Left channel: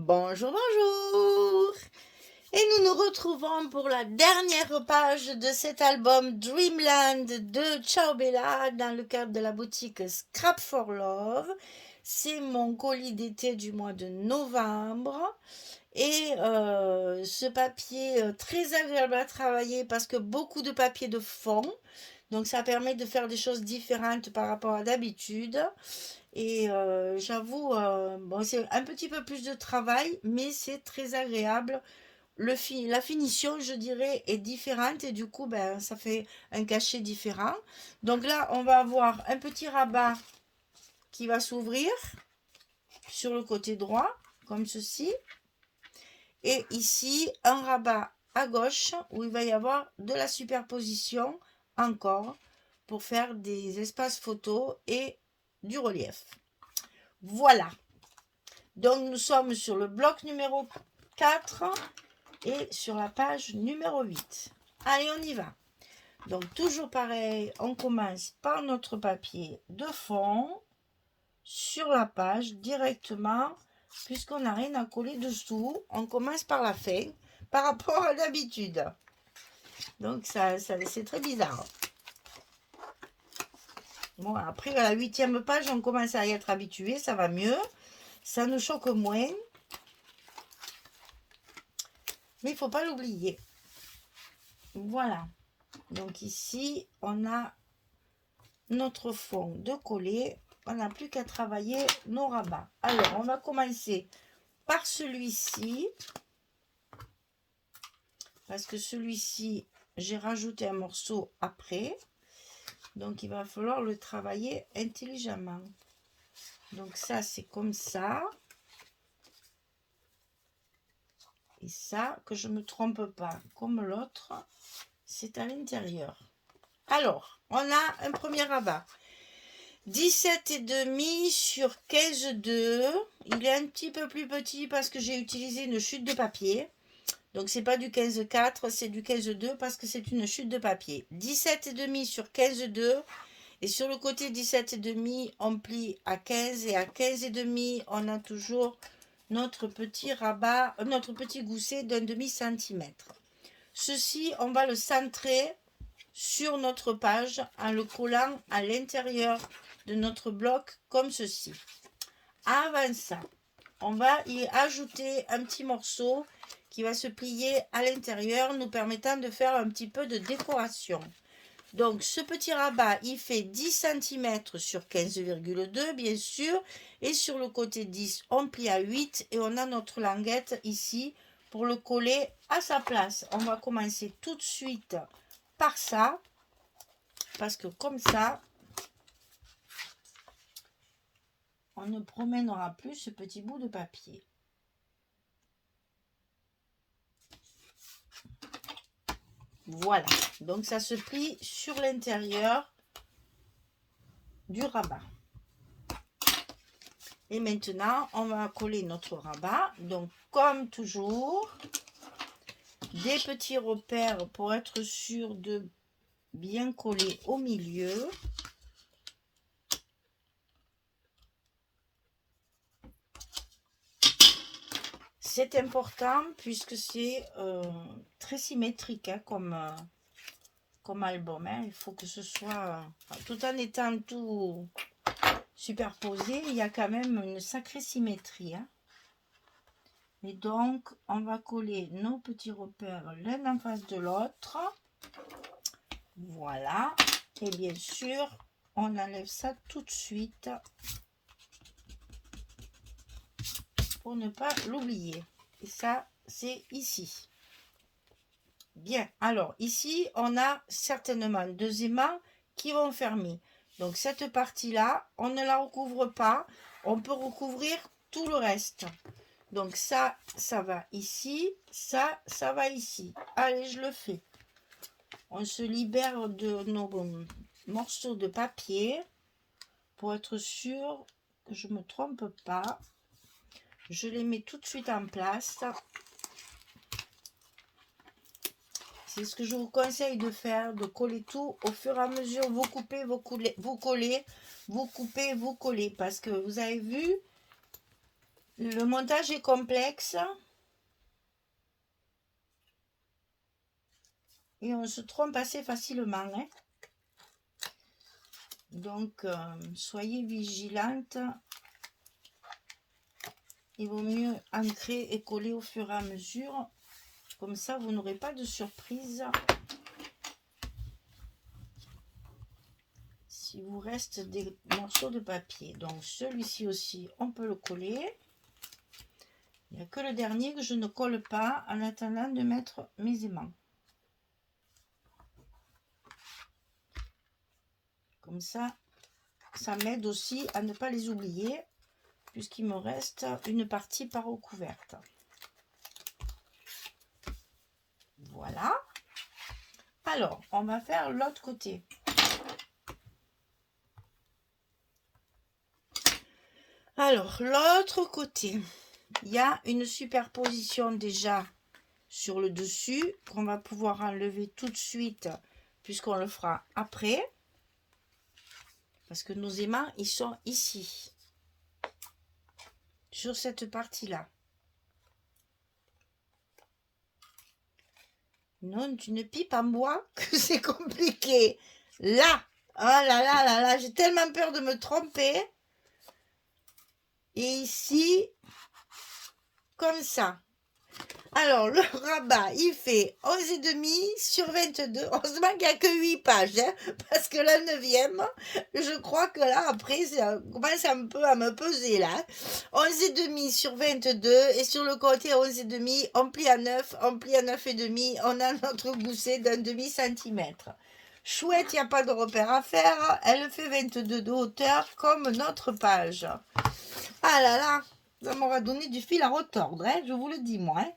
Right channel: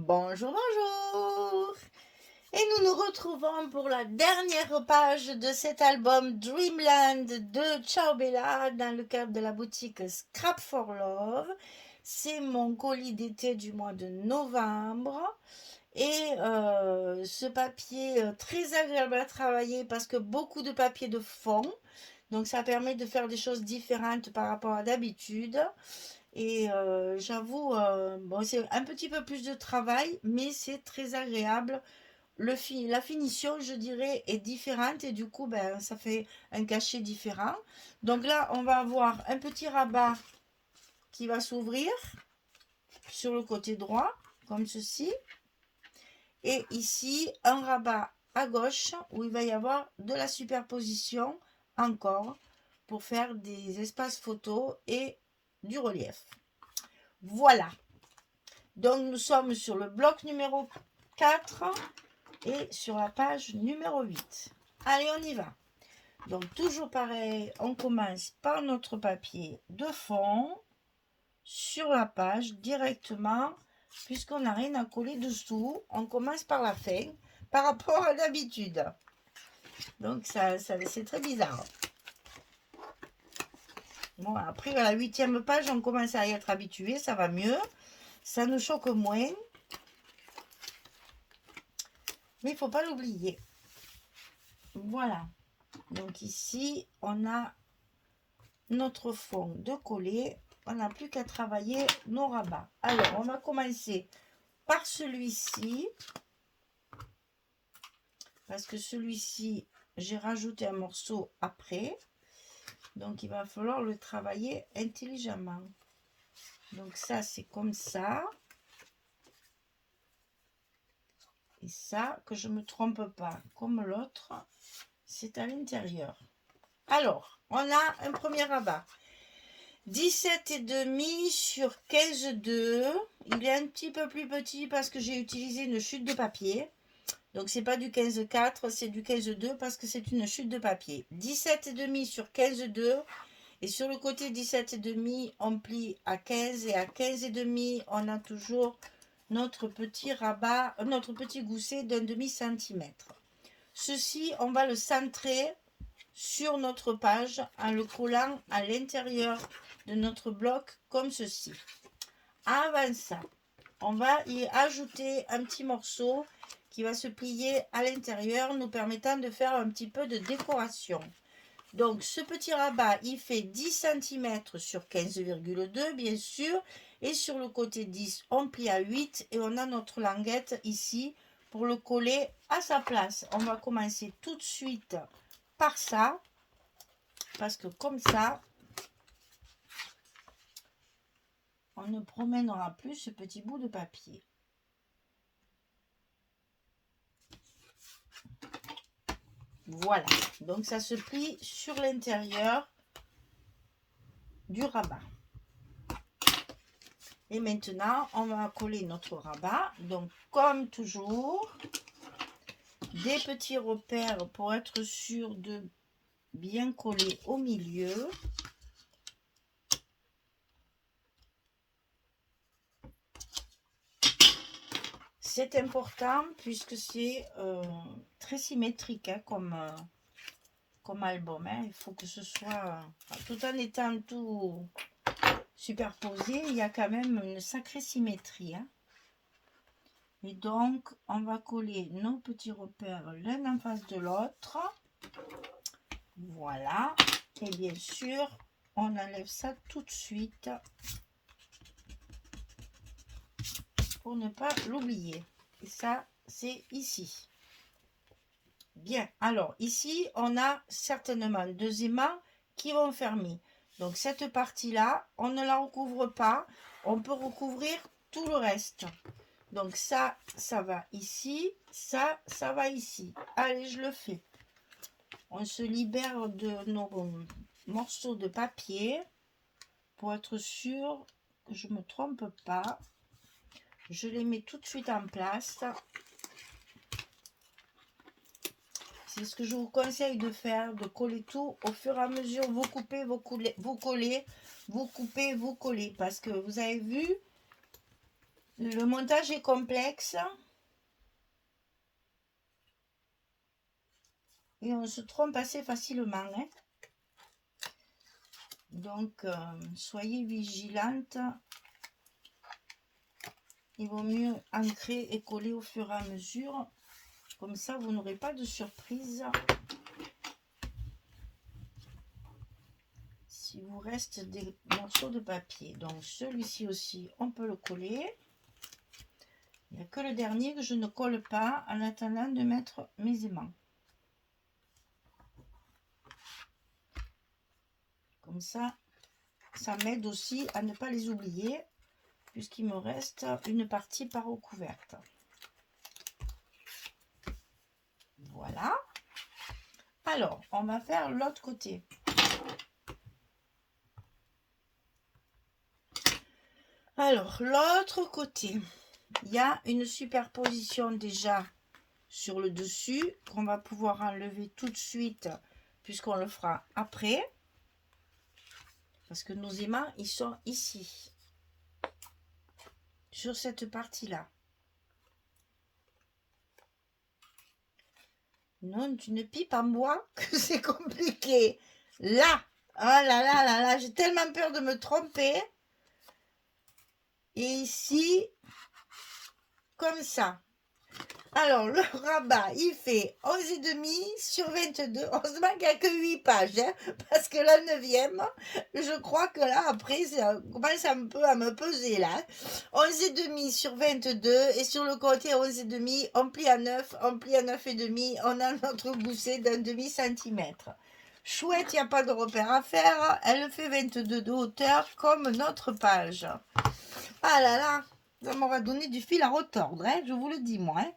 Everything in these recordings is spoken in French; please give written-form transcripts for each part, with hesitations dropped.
Bonjour, bonjour! Et nous nous retrouvons pour la dernière page de cet album Dreamland de Ciao Bella dans le cadre de la boutique Scrap for Love. C'est mon colis d'été du mois de novembre. Et ce papier très agréable à travailler parce que beaucoup de papier de fond. Donc ça permet de faire des choses différentes par rapport à d'habitude. Et j'avoue, bon, c'est un petit peu plus de travail, mais c'est très agréable. La finition, je dirais, est différente et du coup, ben, ça fait un cachet différent. Donc là, on va avoir un petit rabat qui va s'ouvrir sur le côté droit, comme ceci. Et ici, un rabat à gauche où il va y avoir de la superposition encore pour faire des espaces photos et du relief. Voilà. Donc nous sommes sur le bloc numéro 4 et sur la page numéro 8. Allez, on y va. Donc toujours pareil, on commence par notre papier de fond sur la page directement, puisqu'on n'a rien à coller dessous. On commence par la fin par rapport à d'habitude. Donc ça c'est très bizarre. Bon, après à la 8e page, on commence à y être habitué, ça va mieux. Ça nous choque moins. Mais il ne faut pas l'oublier. Voilà. Donc ici, on a notre fond de coller. On n'a plus qu'à travailler nos rabats. Alors, on va commencer par celui-ci. Parce que celui-ci, j'ai rajouté un morceau après. Donc, il va falloir le travailler intelligemment. Donc, ça, c'est comme ça. Et ça, que je ne me trompe pas, comme l'autre, c'est à l'intérieur. Alors, on a un premier rabat. 17,5 sur 15,2. Il est un petit peu plus petit parce que j'ai utilisé une chute de papier. Donc, c'est pas du 15,4, c'est du 15,2 parce que c'est une chute de papier. 17,5 sur 15,2. Et sur le côté 17,5, on plie à 15. Et à 15,5, on a toujours notre petit rabat, notre petit gousset d'un demi-centimètre. Ceci, on va le centrer sur notre page en le collant à l'intérieur de notre bloc comme ceci. Avant ça, on va y ajouter un petit morceau qui va se plier à l'intérieur, nous permettant de faire un petit peu de décoration. Donc ce petit rabat, il fait 10 cm sur 15,2 bien sûr, et sur le côté 10, on plie à 8 et on a notre languette ici pour le coller à sa place. On va commencer tout de suite par ça, parce que comme ça, on ne promènera plus ce petit bout de papier. Voilà, donc ça se plie sur l'intérieur du rabat. Et maintenant, on va coller notre rabat. Donc, comme toujours, des petits repères pour être sûr de bien coller au milieu. C'est important puisque c'est très symétrique hein, comme album. Hein. Il faut que ce soit, tout en étant tout superposé, il y a quand même une sacrée symétrie. Hein. Et donc, on va coller nos petits repères l'un en face de l'autre. Voilà. Et bien sûr, on enlève ça tout de suite pour ne pas l'oublier. Et ça, c'est ici. Bien. Alors, ici, on a certainement deux aimants qui vont fermer. Donc, cette partie-là, on ne la recouvre pas. On peut recouvrir tout le reste. Donc, ça va ici. Ça va ici. Allez, je le fais. On se libère de nos morceaux de papier pour être sûr que je ne me trompe pas. Je les mets tout de suite en place. C'est ce que je vous conseille de faire, de coller tout au fur et à mesure. Vous coupez, vous collez, vous coupez, vous collez. Parce que vous avez vu, Le montage est complexe et on se trompe assez facilement, hein. Donc, soyez vigilante. Il vaut mieux ancrer et coller au fur et à mesure. Comme ça, vous n'aurez pas de surprise. Si vous reste des morceaux de papier. Donc, celui-ci aussi, on peut le coller. Il n'y a que le dernier que je ne colle pas en attendant de mettre mes aimants. Comme ça m'aide aussi à ne pas les oublier, puisqu'il me reste une partie par recouverte. Voilà. Alors, on va faire l'autre côté. Alors, l'autre côté, il y a une superposition déjà sur le dessus qu'on va pouvoir enlever tout de suite, puisqu'on le fera après. Parce que nos aimants, ils sont ici, sur cette partie-là. Non, tu ne pipes à moi que c'est compliqué. Là, oh là là là là, j'ai tellement peur de me tromper. Et ici, comme ça. Alors, le rabat, il fait 11,5 sur 22. Heureusement qu'il n'y a que 8 pages, hein, parce que la 9e, je crois que là, après, ça commence un peu à me peser, là. 11,5 sur 22, et sur le côté 11,5, on plie à 9, on plie à 9,5, on a notre gousset d'un demi-centimètre. Chouette, il n'y a pas de repère à faire, elle fait 22 de hauteur, comme notre page. Ah là là, ça m'aura donné du fil à retordre, hein, je vous le dis, moi, hein.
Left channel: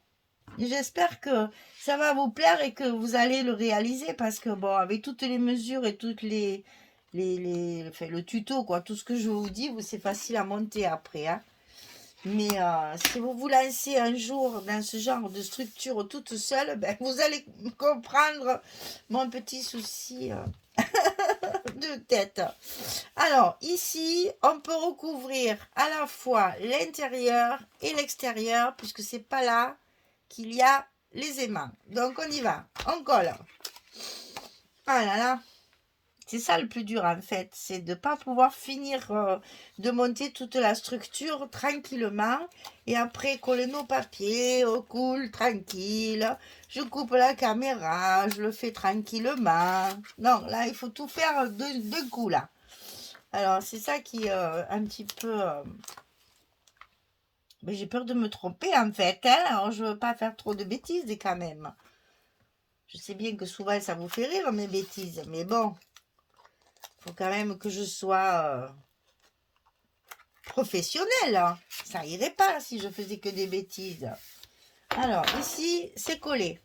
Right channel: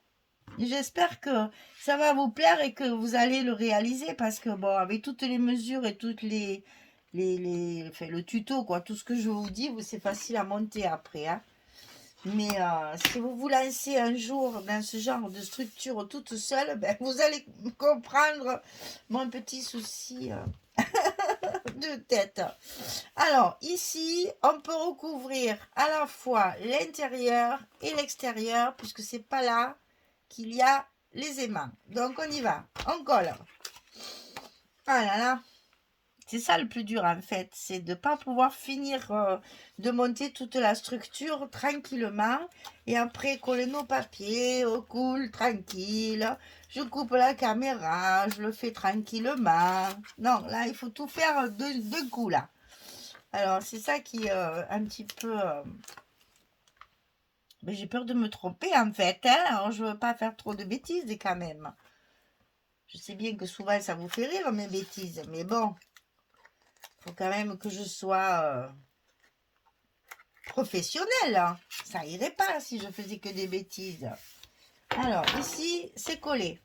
J'espère que ça va vous plaire et que vous allez le réaliser, parce que bon, avec toutes les mesures et toutes enfin, le tuto, quoi, tout ce que je vous dis, c'est facile à monter après, hein. Mais si vous vous lancez un jour dans ce genre de structure toute seule, ben, vous allez comprendre mon petit souci de tête. Alors ici, on peut recouvrir à la fois l'intérieur et l'extérieur, puisque c'est pas là qu'il y a les aimants. Donc on y va, on colle. Ah là là, c'est ça le plus dur en fait, c'est de ne pas pouvoir finir de monter toute la structure tranquillement. Et après coller nos papiers, on coule tranquille. Je coupe la caméra, je le fais tranquillement. Non, là il faut tout faire d'un coup là. Alors c'est ça qui est un petit peu... Mais j'ai peur de me tromper en fait, hein. Alors je veux pas faire trop de bêtises quand même. Je sais bien que souvent ça vous fait rire mes bêtises, mais bon, faut quand même que je sois professionnelle, hein. Ça irait pas si je faisais que des bêtises. Alors ici c'est collé.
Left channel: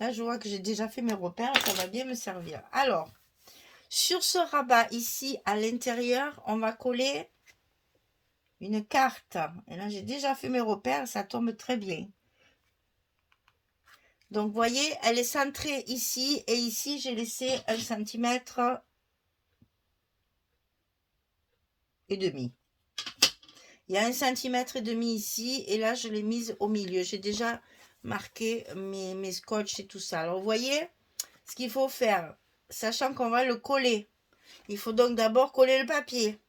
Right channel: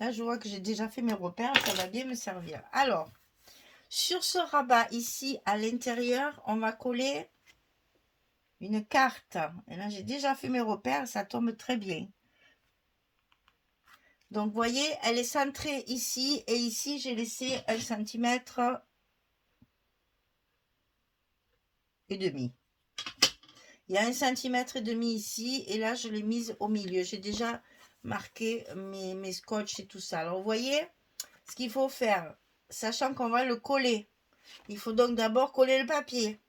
Là je vois que j'ai déjà fait mes repères, ça va bien me servir. Alors sur ce rabat ici à l'intérieur, on va coller une carte. Et là j'ai déjà fait mes repères, ça tombe très bien. Donc, vous voyez, elle est centrée ici. Et ici, j'ai laissé 1,5 centimètre. Il y a 1,5 centimètre ici. Et là, je l'ai mise au milieu. J'ai déjà marqué mes scotch et tout ça. Alors, vous voyez, ce qu'il faut faire, sachant qu'on va le coller. Il faut donc d'abord coller le papier.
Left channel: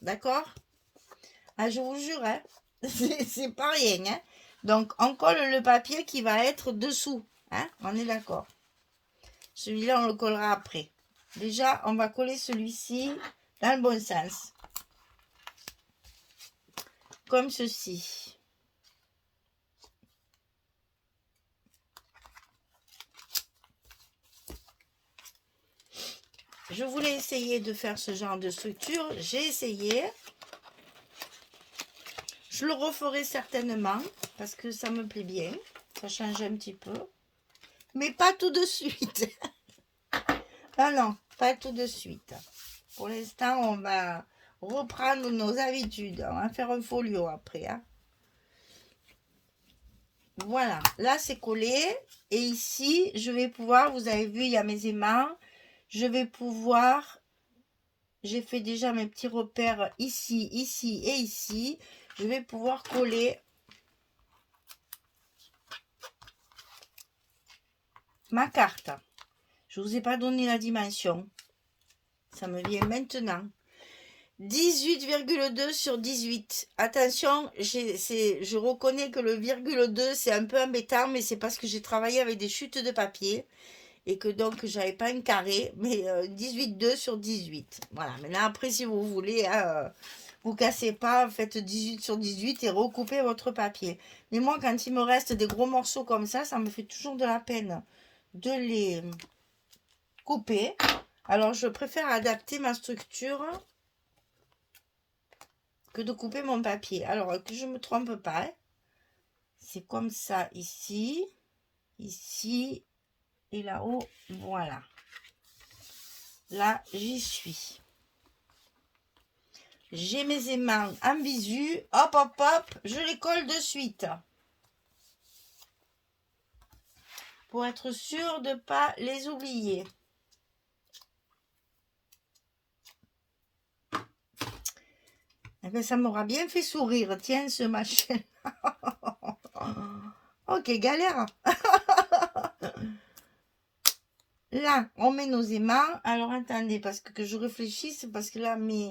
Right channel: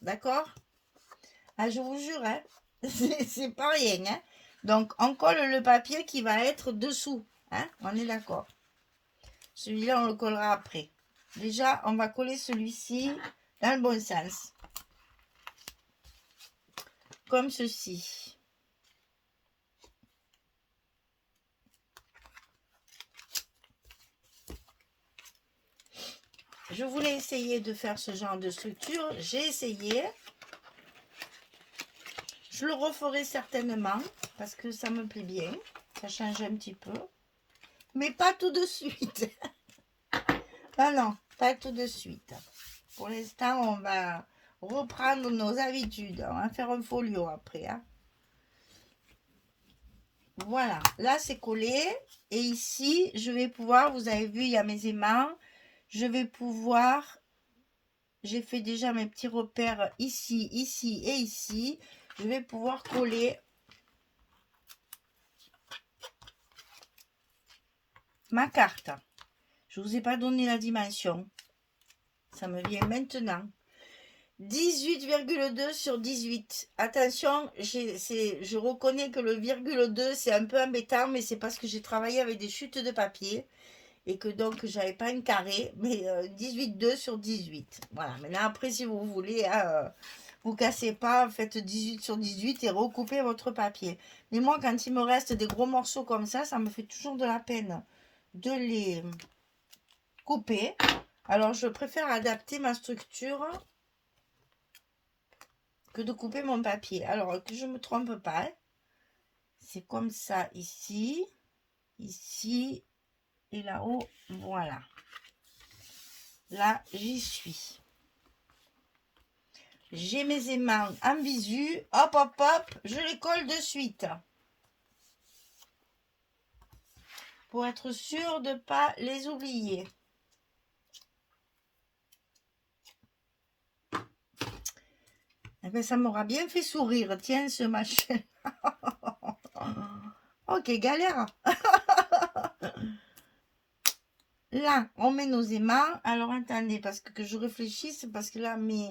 D'accord? Ah, je vous jure, hein, c'est pas rien, hein. Donc, on colle le papier qui va être dessous. Hein, on est d'accord. Celui-là, on le collera après. Déjà, on va coller celui-ci dans le bon sens. Comme ceci. Je voulais essayer de faire ce genre de structure. J'ai essayé. Je le referai certainement parce que ça me plaît bien. Ça change un petit peu. Mais pas tout de suite. Ah non, pas tout de suite. Pour l'instant, on va reprendre nos habitudes. On va faire un folio après, hein. Voilà, là c'est collé. Et ici, je vais pouvoir, vous avez vu, il y a mes aimants. Je vais pouvoir j'ai fait déjà mes petits repères ici, ici et ici. Je vais pouvoir coller ma carte. Je ne vous ai pas donné la dimension. Ça me vient maintenant. 18,2 sur 18. Attention, je reconnais que le virgule 2, c'est un peu embêtant, mais c'est parce que j'ai travaillé avec des chutes de papier et que donc j'avais pas un carré, mais 18,2 sur 18. Voilà, maintenant après, si vous voulez, vous cassez pas, faites 18 sur 18 et recoupez votre papier. Mais moi, quand il me reste des gros morceaux comme ça me fait toujours de la peine de les couper. Alors, je préfère adapter ma structure que de couper mon papier. Alors, que je ne me trompe pas, hein. C'est comme ça ici, ici et là-haut. Voilà. Là, j'y suis. J'ai mes aimants en visu. Hop, hop, hop. Je les colle de suite. Pour être sûr de ne pas les oublier. Eh bien, ça m'aura bien fait sourire. Tiens, ce machin. Ok, galère. Là, on met nos aimants. Alors, attendez, parce que je réfléchisse, parce que là, mes...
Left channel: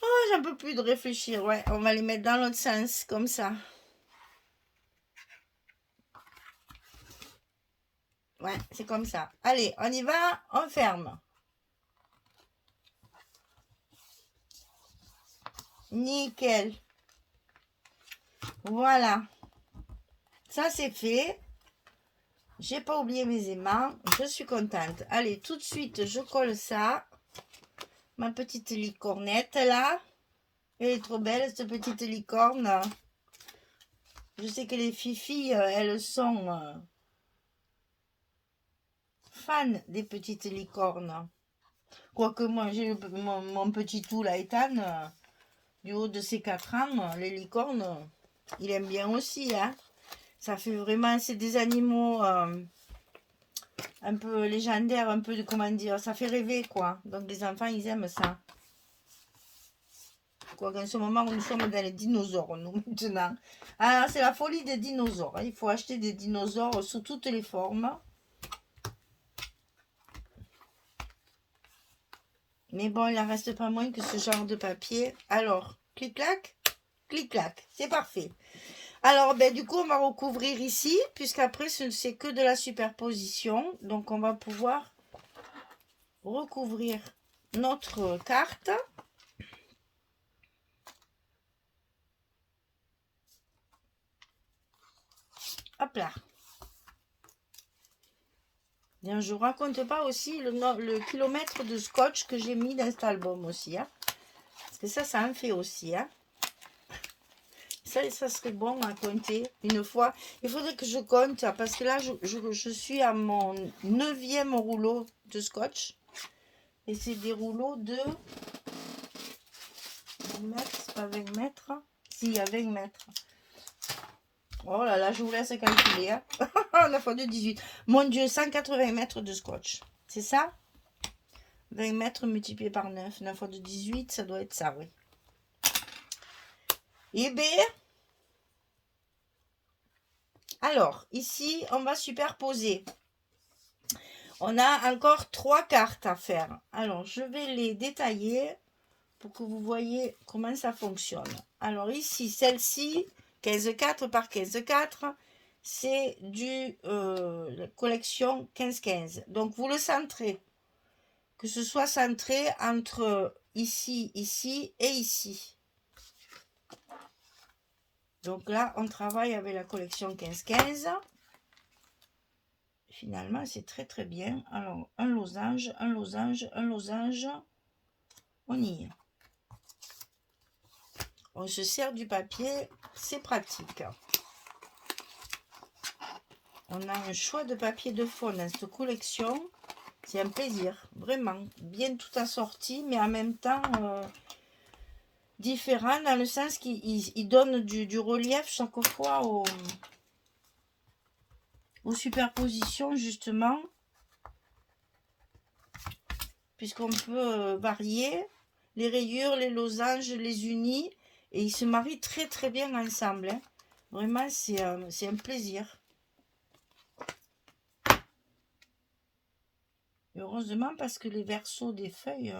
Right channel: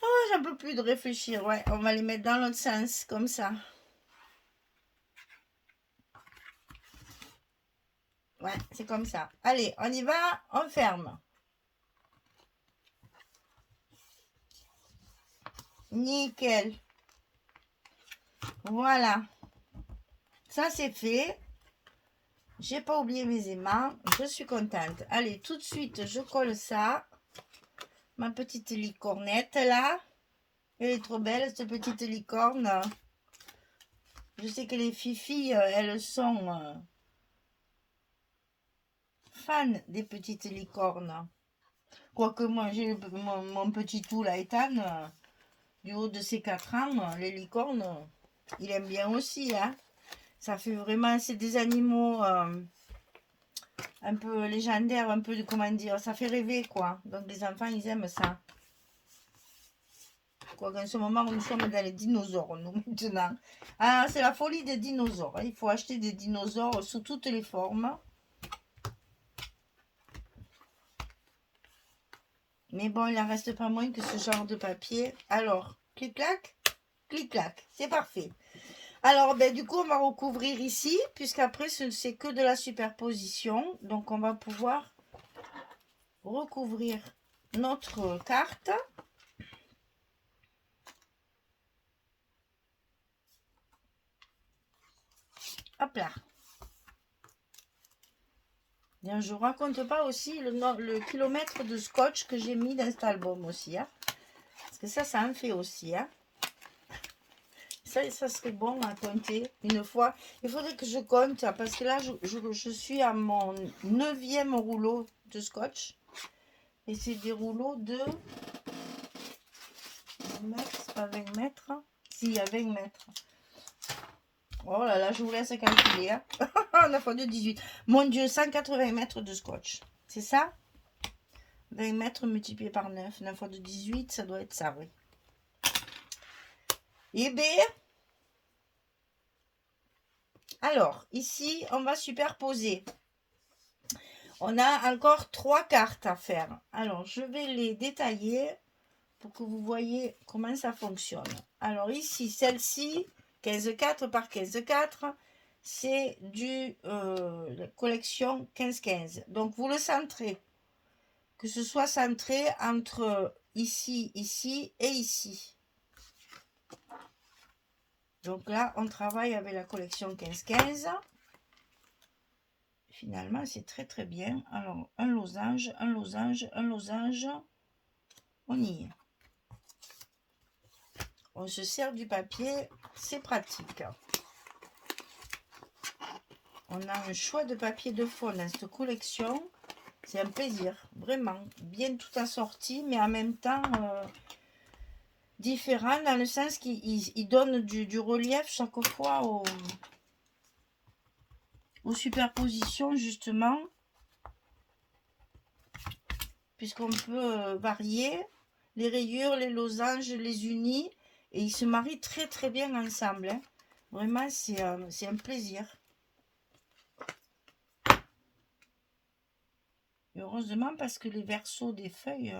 Oh, j'en peux plus de réfléchir. Ouais, on va les mettre dans l'autre sens, comme ça. Ouais, c'est comme ça. Allez, on y va, on ferme. Nickel. Voilà. Ça, c'est fait. J'ai pas oublié mes aimants. Je suis contente. Allez, tout de suite, je colle ça. Ma petite licornette, là. Elle est trop belle, cette petite licorne. Je sais que les filles, elles sont fans des petites licornes. Quoique moi, j'ai mon petit tout, là, Ethan, du haut de ses 4 ans, les licornes, il aime bien aussi, hein. Ça fait vraiment, c'est des animaux un peu légendaires, un peu de, comment dire, ça fait rêver, quoi. Donc les enfants, ils aiment ça. Quoi qu'en ce moment, nous sommes dans les dinosaures, nous, maintenant. Ah, c'est la folie des dinosaures, hein. Il faut acheter des dinosaures sous toutes les formes. Mais bon, il n'en reste pas moins que ce genre de papier. Alors, clic-clac, clic-clac, c'est parfait. Alors, ben, du coup, on va recouvrir ici, puisqu'après, c'est que de la superposition. Donc, on va pouvoir recouvrir notre carte. Hop là. Bien, je ne vous raconte pas aussi le kilomètre de scotch que j'ai mis dans cet album aussi. Hein. Parce que ça en fait aussi. Hein. Ça serait bon à compter une fois. Il faudrait que je compte, parce que là, je suis à mon 9e rouleau de scotch. Et c'est des rouleaux de 20 mètres, c'est pas 20 mètres. Si, il y a 20 mètres. Oh là là, je vous laisse calculer. Hein. La fois de 18. Mon Dieu, 180 mètres de scotch. C'est ça? 20 mètres multiplié par 9. 9 fois de 18, ça doit être ça, oui. Et bien... Alors, ici, on va superposer. On a encore 3 cartes à faire. Alors, je vais les détailler pour que vous voyez comment ça fonctionne. Alors, ici, celle-ci, 15,4 par 15,4, c'est du collection 15-15. Donc, vous le centrez. Que ce soit centré entre ici, ici et ici. Donc là, on travaille avec la collection 15-15. Finalement, c'est très très bien. Alors, un losange, un losange, un losange. On y est. On se sert du papier, c'est pratique. On a un choix de papier de fond dans cette collection. C'est un plaisir, vraiment. Bien tout assorti, mais en même temps... différent dans le sens qu'il donne du relief chaque fois aux superpositions justement. puisqu'on peut varier les rayures, les losanges, les unis, et ils se marient très très bien ensemble, hein. Vraiment, c'est un plaisir. Et heureusement, parce que les versos des feuilles,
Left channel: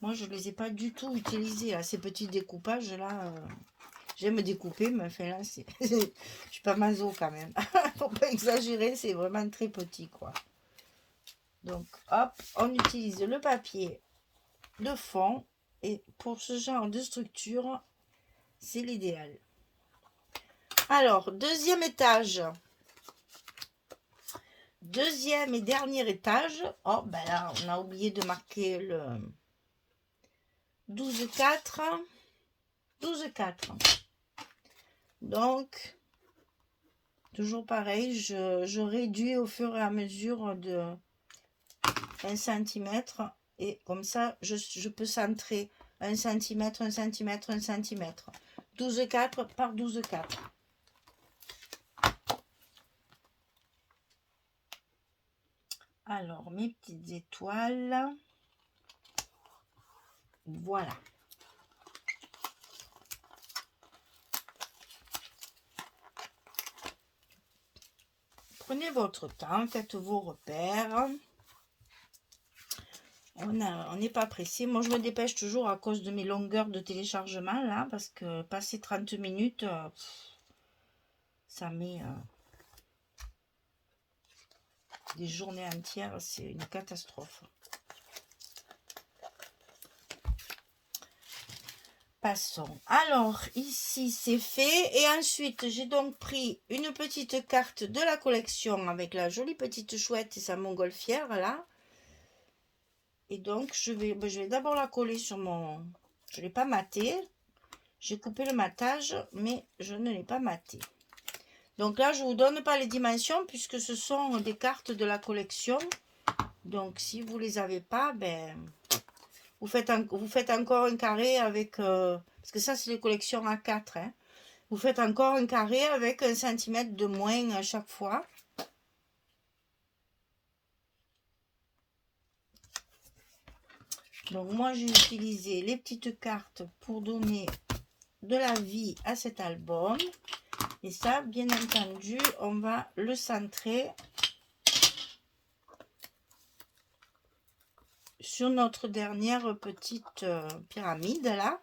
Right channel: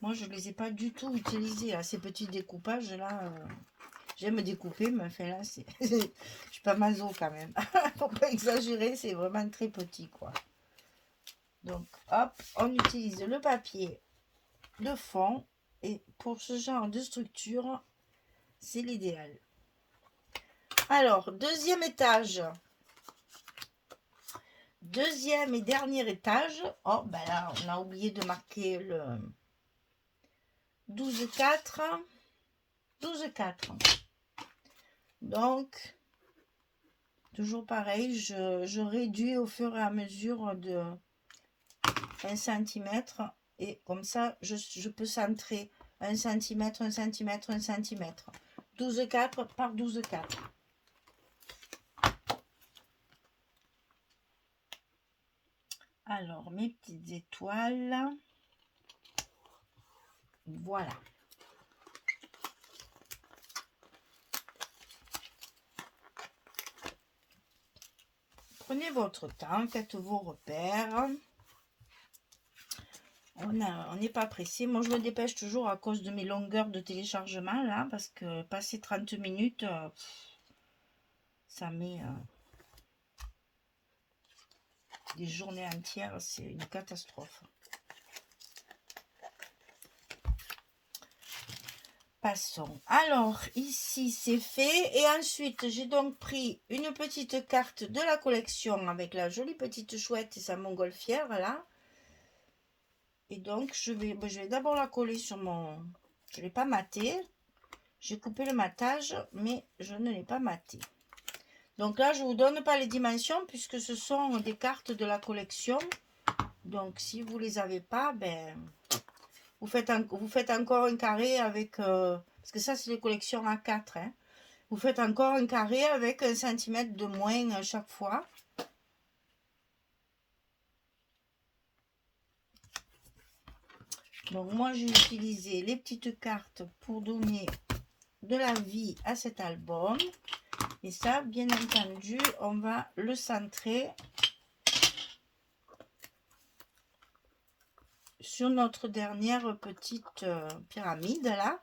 moi je ne les ai pas du tout utilisés, ces petits découpages là. J'aime découper, mais enfin là, je suis pas maso quand même. Faut pas exagérer, c'est vraiment très petit, quoi. Donc, hop, on utilise le papier de fond. Et pour ce genre de structure, c'est l'idéal. Alors, deuxième étage. Deuxième et dernier étage. Oh, ben là, on a oublié de marquer le 12-4. 12-4. Donc, toujours pareil, je réduis au fur et à mesure de 1 cm. Et comme ça, je peux centrer 1 cm, 1 cm, 1 cm. 12,4 par 12,4. Alors, mes petites étoiles. Voilà. Prenez votre temps, faites vos repères. On n'est pas pressé. Moi, je me dépêche toujours à cause de mes longueurs de téléchargement, là, parce que passer 30 minutes, ça met des journées entières, c'est une catastrophe. Passons. Alors, ici, c'est fait. Et ensuite, j'ai donc pris une petite carte de la collection avec la jolie petite chouette et sa montgolfière, là. Et donc, je vais d'abord la coller sur mon... Je ne l'ai pas maté. J'ai coupé le matage, mais je ne l'ai pas maté. Donc là, je ne vous donne pas les dimensions puisque ce sont des cartes de la collection. Donc, si vous ne les avez pas, ben... Vous faites encore un carré avec... parce que ça, c'est les collections A4. Hein. Vous faites encore un carré avec 1 cm de moins à chaque fois. Donc, moi, j'ai utilisé les petites cartes pour donner de la vie à cet album. Et ça, bien entendu, on va le centrer sur notre dernière petite pyramide, là.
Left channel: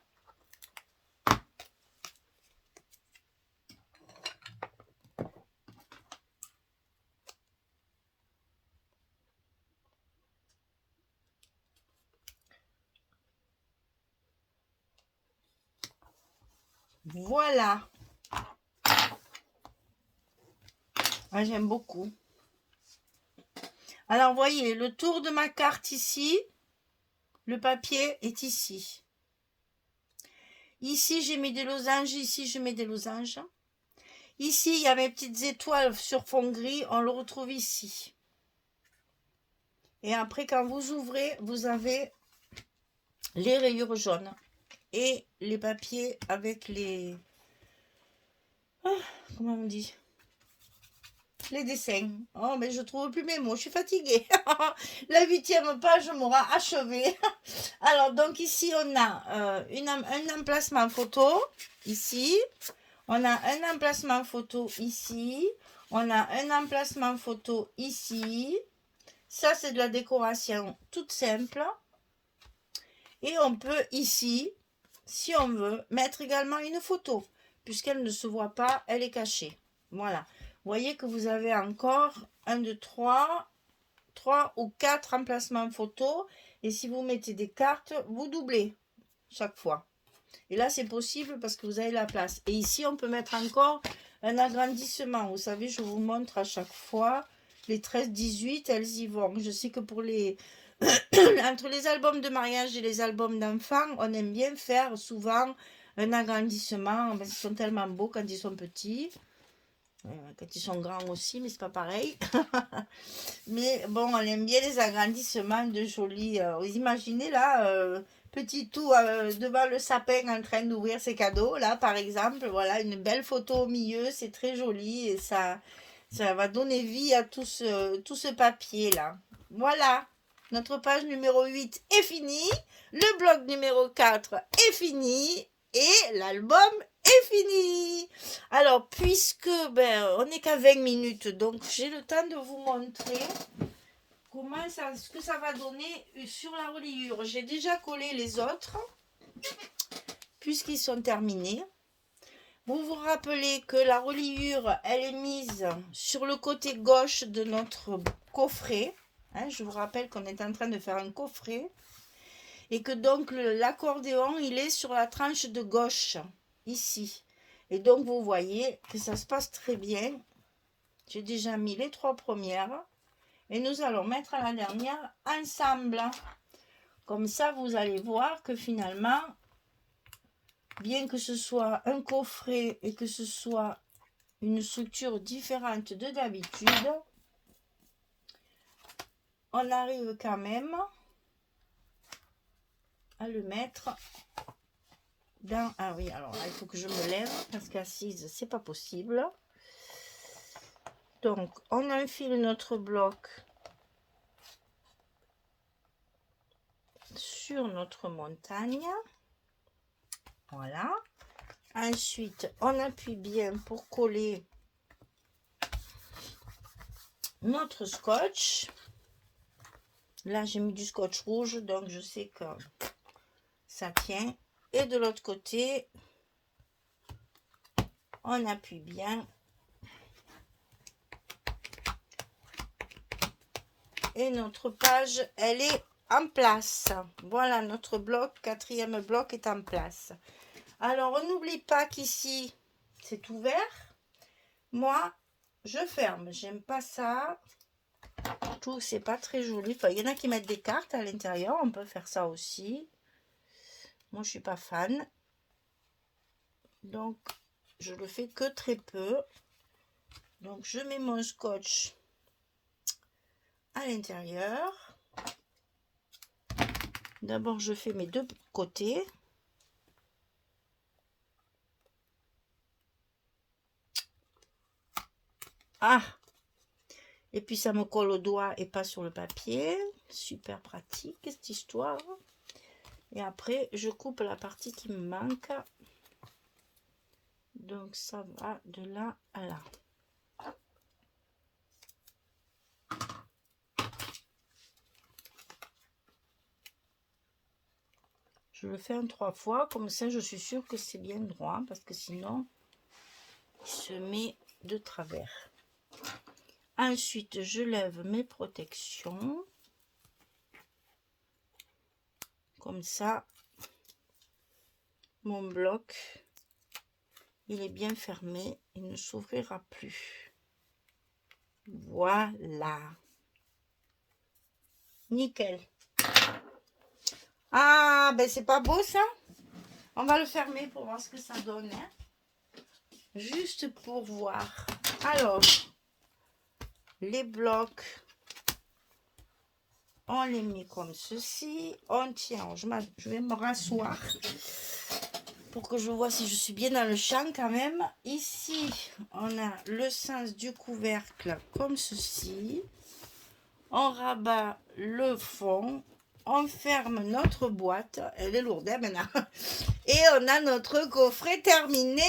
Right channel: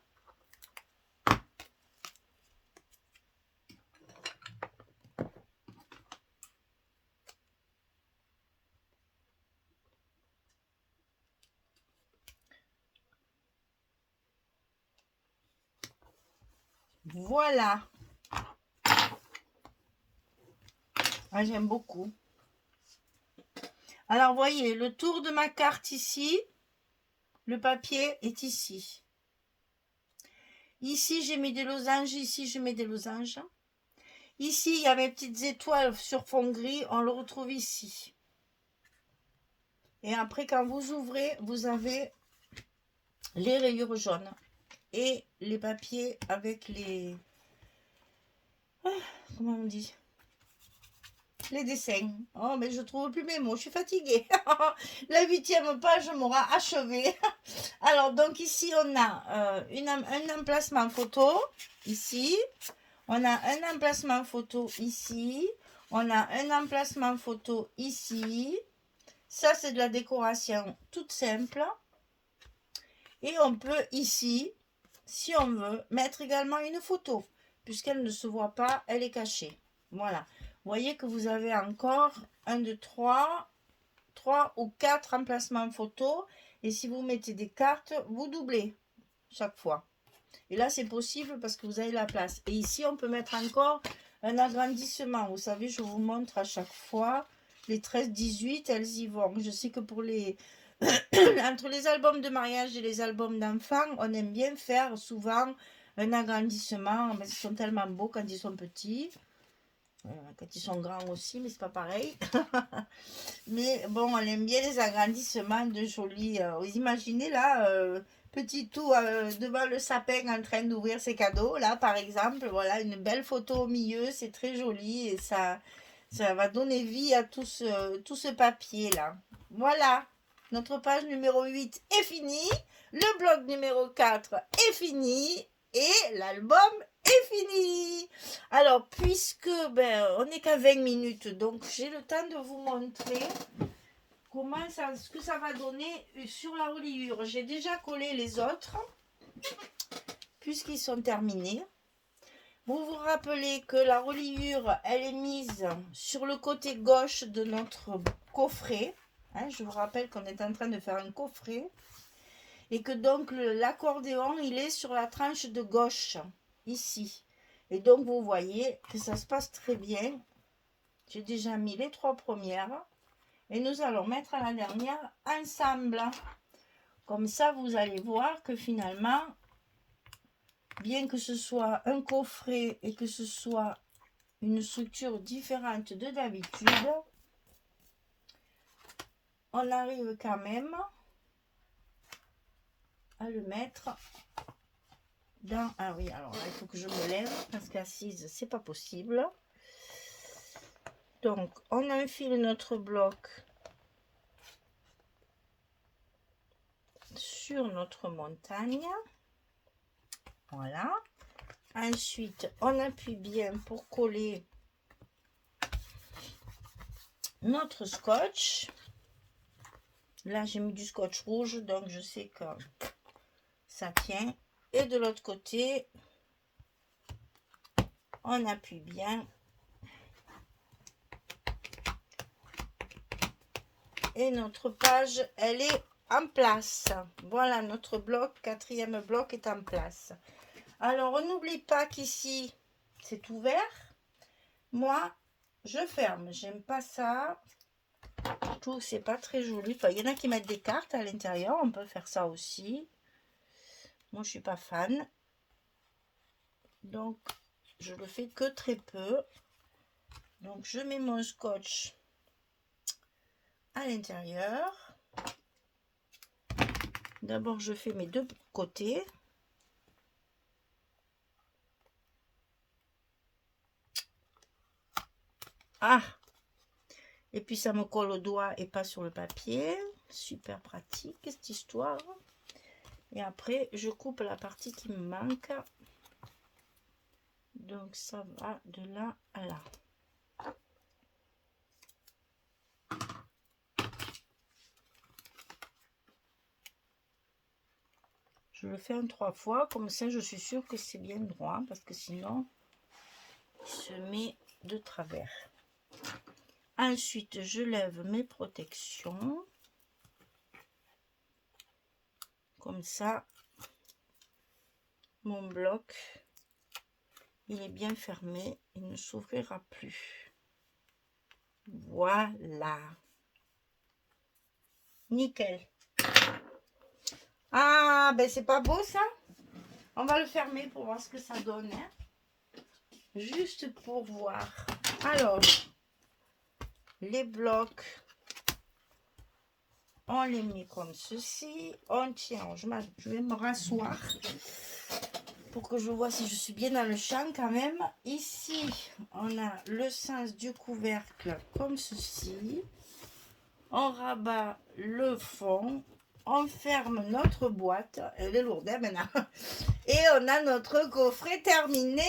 Voilà. Moi, j'aime beaucoup. Alors, voyez, le tour de ma carte ici, le papier est ici. Ici, j'ai mis des losanges. Ici, je mets des losanges. Ici, il y a mes petites étoiles sur fond gris. On le retrouve ici. Et après, quand vous ouvrez, vous avez les rayures jaunes. Et les papiers avec les... comment on dit? Les dessins. Oh, mais je trouve plus mes mots. Je suis fatiguée. La 8e page m'aura achevée. Alors, donc ici, on a un emplacement photo. Ici. On a un emplacement photo ici. On a un emplacement photo ici. Ça, c'est de la décoration toute simple. Et on peut ici, si on veut, mettre également une photo. Puisqu'elle ne se voit pas, elle est cachée. Voilà. Vous voyez que vous avez encore 1, 2, 3 ou 4 emplacements photo. Et si vous mettez des cartes, vous doublez chaque fois. Et là, c'est possible parce que vous avez la place. Et ici, on peut mettre encore un agrandissement. Vous savez, je vous montre à chaque fois. Les 13-18, elles y vont. Je sais que pour les... entre les albums de mariage et les albums d'enfants, on aime bien faire souvent un agrandissement. Parce qu'ils sont tellement beaux quand ils sont petits. Quand ils sont grands aussi, mais c'est pas pareil. Mais bon, on aime bien les agrandissements de jolis... vous imaginez là... petit tout devant le sapin en train d'ouvrir ses cadeaux, là, par exemple. Voilà, une belle photo au milieu, c'est très joli et ça va donner vie à tout ce papier, là. Voilà. Notre page numéro 8 est finie. Le bloc numéro 4 est fini. Et l'album est fini. Alors, puisque on n'est qu'à 20 minutes, donc j'ai le temps de vous montrer ce que ça va donner sur la reliure. J'ai déjà collé les autres, puisqu'ils sont terminés. Vous vous rappelez que la reliure, elle est mise sur le côté gauche de notre coffret. Je vous rappelle qu'on est en train de faire un coffret. Et que donc l'accordéon, il est sur la tranche de gauche, ici. Et donc, vous voyez que ça se passe très bien. J'ai déjà mis les 3 premières. Et nous allons mettre à la dernière ensemble. Comme ça, vous allez voir que finalement, bien que ce soit un coffret et que ce soit une structure différente de d'habitude, on arrive quand même à le mettre dans... Ah oui, alors il faut que je me lève parce qu'assise, c'est pas possible. Donc, on enfile notre bloc sur notre montagne. Voilà. Ensuite, on appuie bien pour coller notre scotch. Là, j'ai mis du scotch rouge, donc je sais que ça tient. Et de l'autre côté, on appuie bien. Et notre page, elle est en place. Voilà, notre bloc, 4e bloc est en place. Alors, on n'oublie pas qu'ici, c'est ouvert. Moi, je ferme. J'aime pas ça. Tout, c'est pas très joli. Enfin, il y en a qui mettent des cartes à l'intérieur. On peut faire ça aussi. Moi, je suis pas fan. Donc, je le fais que très peu. Donc, je mets mon scotch à l'intérieur. D'abord, je fais mes 2 côtés. Ah! Et puis, ça me colle au doigt et pas sur le papier. Super pratique, cette histoire. Et après, je coupe la partie qui me manque. Donc, ça va de là à là. Je le fais en 3 fois. Comme ça, je suis sûre que c'est bien droit. Parce que sinon, il se met de travers. Ensuite, je lève mes protections. Comme ça, mon bloc, il est bien fermé. Il ne s'ouvrira plus. Voilà. Nickel. Ah, ben c'est pas beau ça. On va le fermer pour voir ce que ça donne. Juste pour voir. Alors, les blocs, on les met comme ceci. On tient, je vais me rasseoir pour que je vois si je suis bien dans le champ quand même. Ici, on a le sens du couvercle comme ceci. On rabat le fond. On ferme notre boîte. Elle est lourde hein, maintenant. Et on a notre coffret terminé.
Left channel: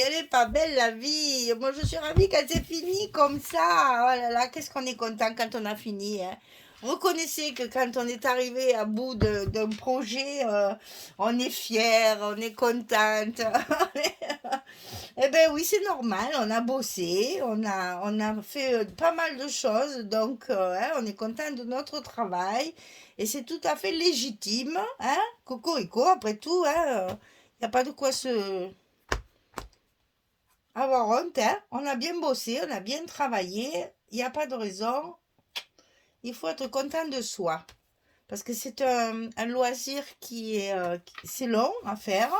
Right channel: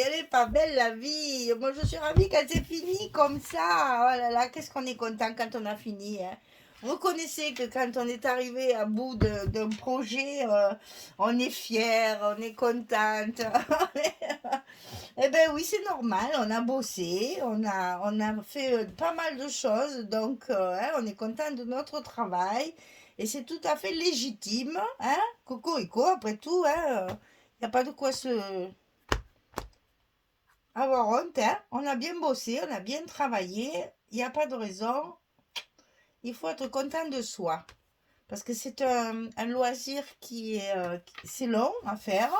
Elle est pas belle la vie. Moi je suis ravie quand c'est fini comme ça. Oh là là, qu'est-ce qu'on est content quand on a fini. Hein. Vous connaissez que quand on est arrivé à bout d'un projet, on est fier, on est contente. Eh bien oui, c'est normal, on a bossé, on a fait pas mal de choses, donc hein, on est content de notre travail. Et c'est tout à fait légitime, hein, cocorico, après tout, hein, il n'y a pas de quoi se avoir honte, hein. On a bien bossé, on a bien travaillé, il n'y a pas de raison. Il faut être content de soi. Parce que c'est un loisir c'est long à faire.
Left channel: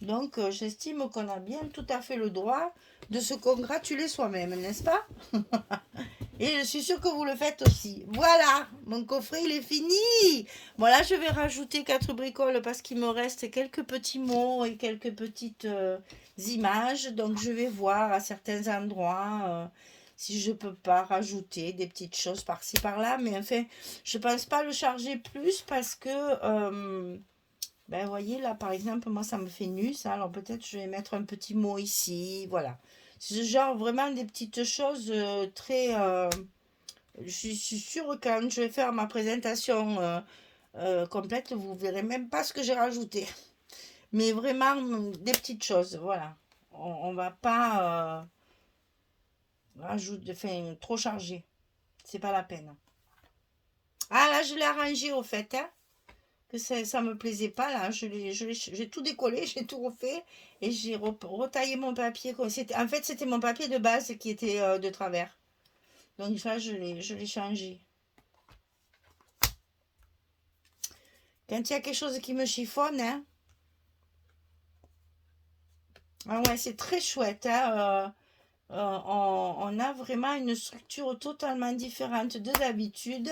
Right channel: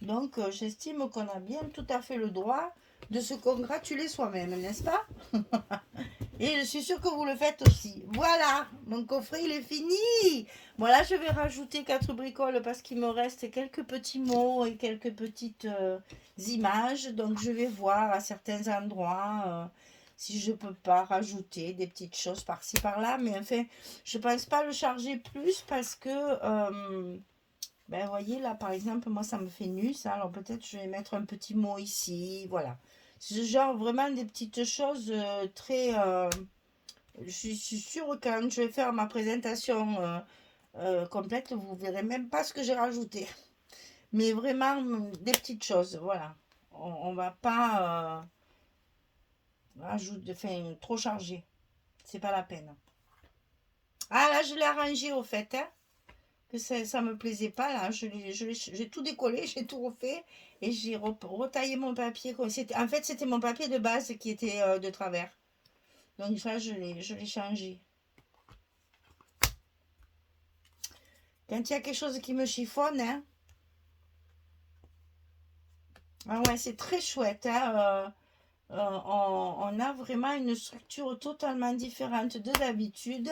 Donc, j'estime qu'on a bien tout à fait le droit de se congratuler soi-même, n'est-ce pas? Et je suis sûre que vous le faites aussi. Voilà, mon coffret, il est fini. Bon, là, je vais rajouter 4 bricoles parce qu'il me reste quelques petits mots et quelques petites images. Donc, je vais voir à certains endroits si je peux pas rajouter des petites choses par-ci par-là. Mais enfin, je pense pas le charger plus parce que, ben, vous voyez là, par exemple, moi ça me fait nu ça. Alors peut-être je vais mettre un petit mot ici. Voilà. C'est genre vraiment des petites choses très. Je suis sûre que quand je vais faire ma présentation complète, vous verrez même pas ce que j'ai rajouté. Mais vraiment des petites choses, voilà. On va pas rajouter, enfin, trop charger. C'est pas la peine. Ah là, je l'ai arrangé au fait, hein, que ça me plaisait pas là. J'ai tout décollé, j'ai tout refait et j'ai retaillé mon papier. En fait, c'était mon papier de base qui était de travers. Donc ça, je l'ai changé. Quand il y a quelque chose qui me chiffonne, hein, ah ouais, c'est très chouette, hein, on a vraiment une structure totalement différente de d'habitude.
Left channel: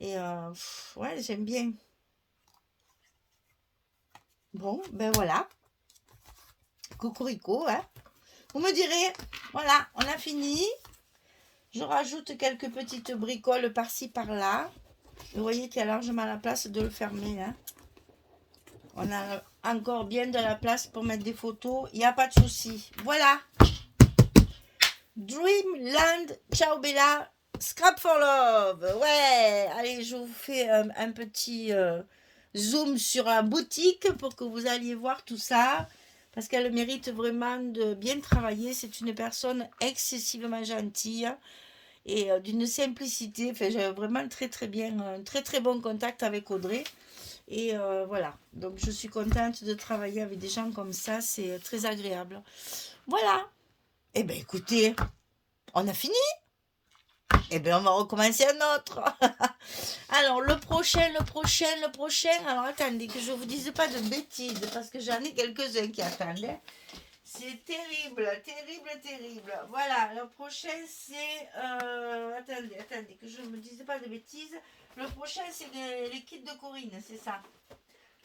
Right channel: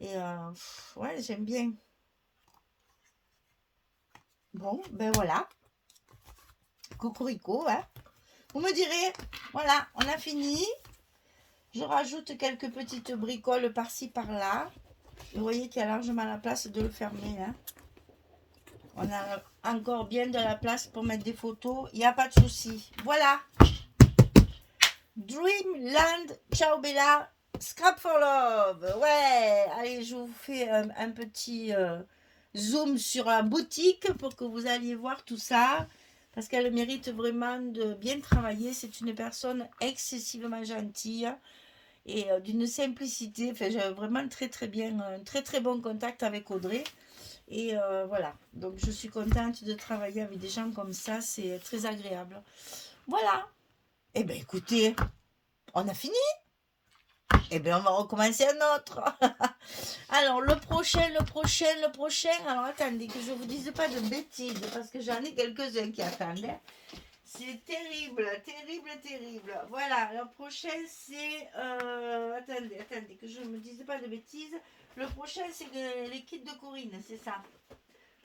Et ouais, j'aime bien. Bon, ben voilà. Cocorico, hein. Vous me direz, voilà, on a fini. Je rajoute quelques petites bricoles par-ci, par-là. Vous voyez qu'il y a largement la place de le fermer, hein. On a encore bien de la place pour mettre des photos. Il n'y a pas de souci. Voilà. Dreamland, ciao Bella, Scrap for Love. Ouais, allez, je vous fais un petit zoom sur la boutique pour que vous alliez voir tout ça. Parce qu'elle mérite vraiment de bien travailler. C'est une personne excessivement gentille et d'une simplicité. Enfin, j'ai vraiment très très bien, très très bon contact avec Audrey. Et voilà, donc je suis contente de travailler avec des gens comme ça, c'est très agréable. Voilà. Eh bien écoutez, on a fini. Eh bien on va recommencer un autre. Alors le prochain. Alors attendez que je ne vous dise pas de bêtises parce que j'en ai quelques-uns qui attendent, hein. C'est terrible, terrible, terrible. Voilà, le prochain c'est... attendez, que je ne me dise pas de bêtises. Le prochain c'est les kits de Corinne, c'est ça.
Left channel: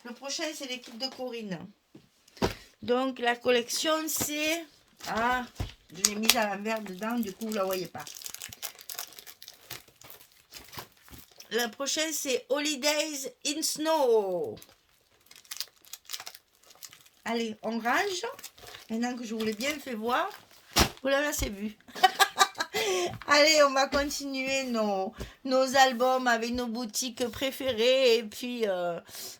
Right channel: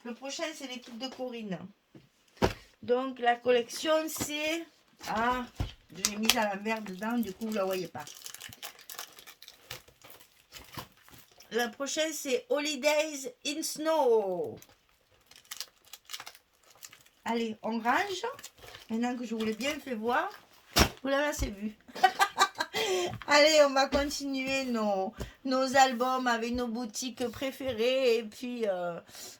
Le prochain c'est les kits de Corinne. Donc la collection c'est... Ah, je l'ai mise à l'envers dedans, du coup vous ne la voyez pas. Le prochain c'est Holidays in Snow. Allez, on range. Maintenant que je vous l'ai bien fait voir. Voilà, c'est vu. Allez, on va continuer nos albums avec nos boutiques préférées. Et puis,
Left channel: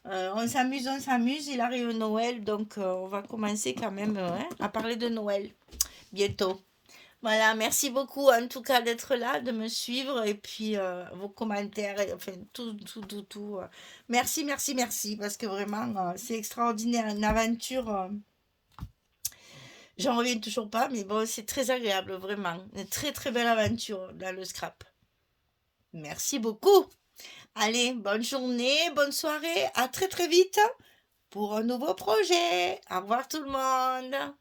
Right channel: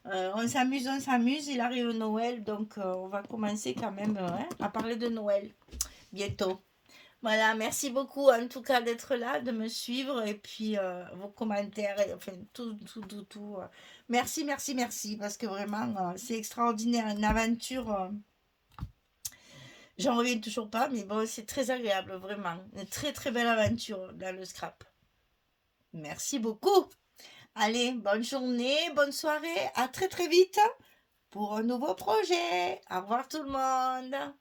on s'amuse. Il arrive Noël, donc on va commencer quand même à parler de Noël bientôt. Voilà, merci beaucoup en tout cas d'être là, de me suivre et puis vos commentaires, enfin tout. Merci, parce que vraiment, c'est extraordinaire, une aventure. J'en reviens toujours pas, mais bon, c'est très agréable, vraiment. Une très très belle aventure dans le scrap. Merci beaucoup. Allez, bonne journée, bonne soirée, à très très vite pour un nouveau projet. Au revoir tout le monde.